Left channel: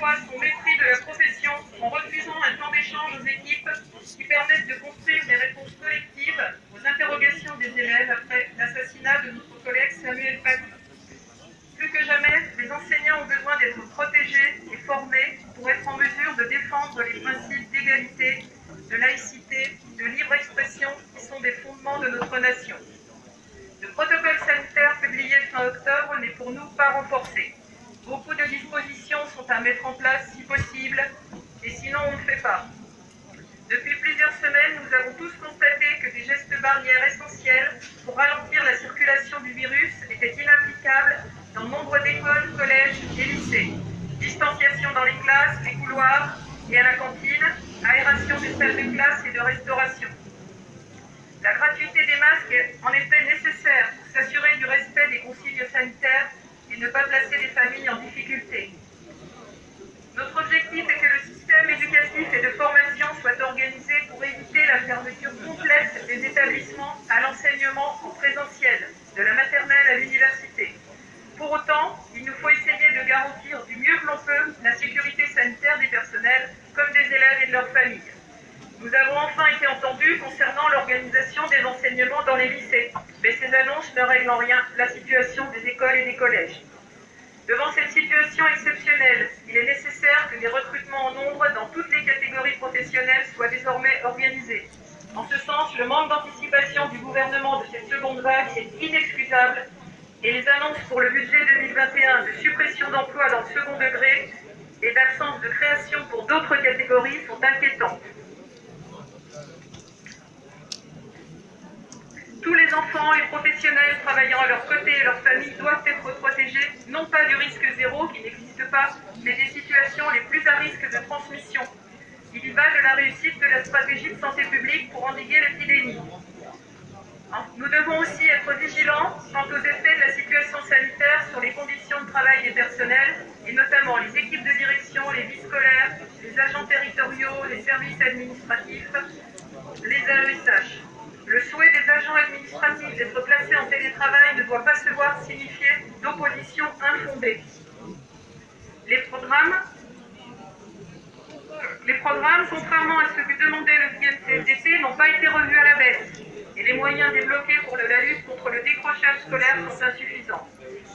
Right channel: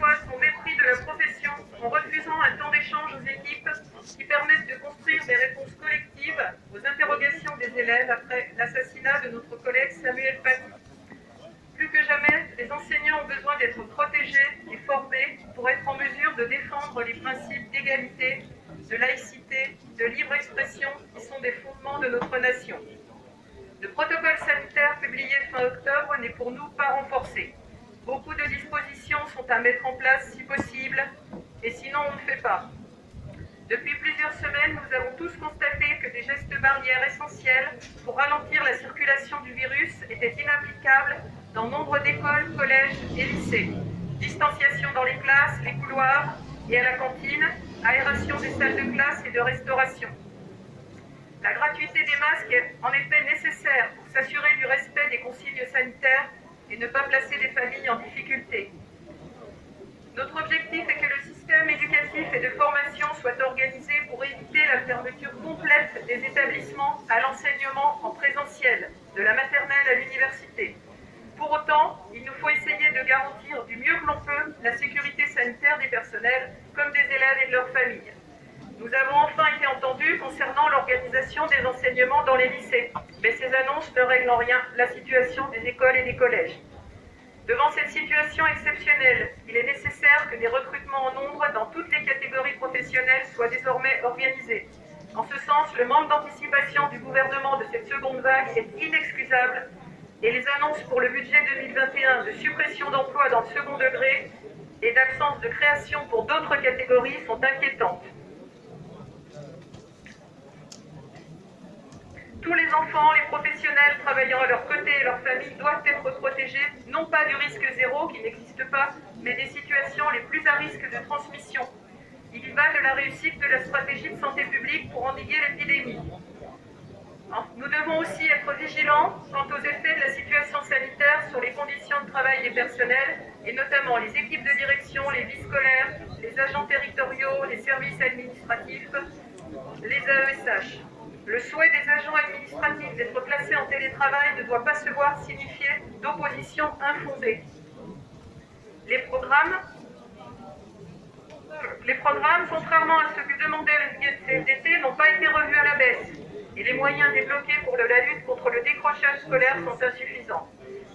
fois son mépris de la profession en refusant un temps d'échange aux équipes qui permettent de construire des réponses collectives aux interrogations des élèves après l'assassinat de notre collègue Samuel Paty. Plus que jamais, les enseignants ont besoin d'être protégés et formés pour être en mesure de défendre les principes d'égalité, de laïcité, de libre expression qui sont des fondements de notre nation. Le protocole sanitaire publié fin octobre n'est pour nous pas renforcé. Beaucoup de dispositions sont à mettre en place si possible, et sinon on ne fait pas. Depuis plusieurs semaines, nous avons tous constaté que des gestes barrières essentiels pour ralentir la circulation du virus étaient inapplicables dans nombre d'écoles, collèges et lycées. Distanciation dans les classes, les couloirs et à la cantine, aération des salles de classe et de restauration. La gratuité des masques est en effet nécessaire pour s'assurer du respect des consignes sanitaires et ne pas placer les familles en difficulté. Notre objectif est que le système éducatif et de formation soit organisé pour éviter la fermeture complète des établissements à l'enseignement en présentiel, de la maternelle à l'université. Pour autant, il nous faut essayer de garantir du mieux que l'on peut la sécurité sanitaire des personnels comme des élèves et de leurs familles. Nous avons enfin été entendus concernant l'organisation des enseignements dans les lycées, mais ces annonces ne règlent en rien la situation des écoles et des collèges. Devant cette situation exceptionnelle, il est nécessaire que des recrutements en nombre dans toutes les catégories professionnelles soient désormais organisés. En ce sens, le manque d'anticipation du gouvernement de cette seconde vague est inexcusable et les annonces pour le budget 2021 de suppression d'emplois dans le second degré et d'absence de création pour d'autres catégories sont inquiétantes. Tous les enfants et professionnels travaillant à leur côté et leurs familles doivent être protégés, non pas du risque zéro qui n'existe pas, mais des situations les plus à risque de transmission. Il y va de la réussite de la stratégie de santé publique pour endiguer l'épidémie. Nous devons aussi être vigilants quant aux effets de la situation sanitaire sur les conditions de travail des personnels, et notamment les équipes de direction, les vies scolaires, les agents territoriaux, les services administratifs, les AESH. Le souhait des agents administratifs d'être placés en télétravail ne doit pas se voir signifier d'opposition infondée. Les programmes, contrairement à ce que demandait le CNCFDT, n'ont pas été revus à la baisse et les moyens débloqués pour la lutte contre le décrochage scolaire sont insuffisants.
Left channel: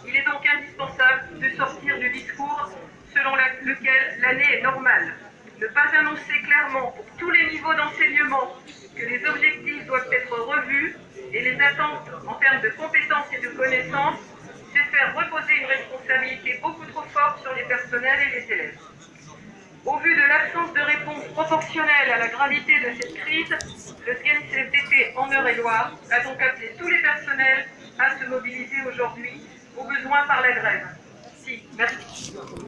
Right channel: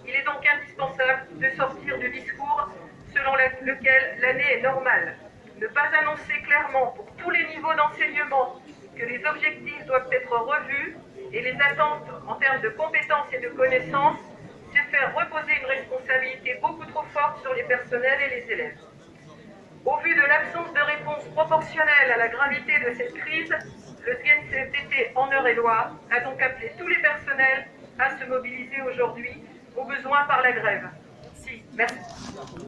Il est donc indispensable de sortir du discours selon lequel l'année est normale. Ne pas annoncer clairement pour tous les niveaux d'enseignement que les objectifs doivent être revus et les attentes en termes de compétences et de connaissances, c'est faire reposer une responsabilité beaucoup trop forte sur les personnels et les élèves. Au vu de l'absence de réponse proportionnelle à la gravité de cette crise, le CNCFDT en Eure-et-Loire a donc appelé tous les personnels à se mobiliser aujourd'hui, au besoin par la grève. Merci.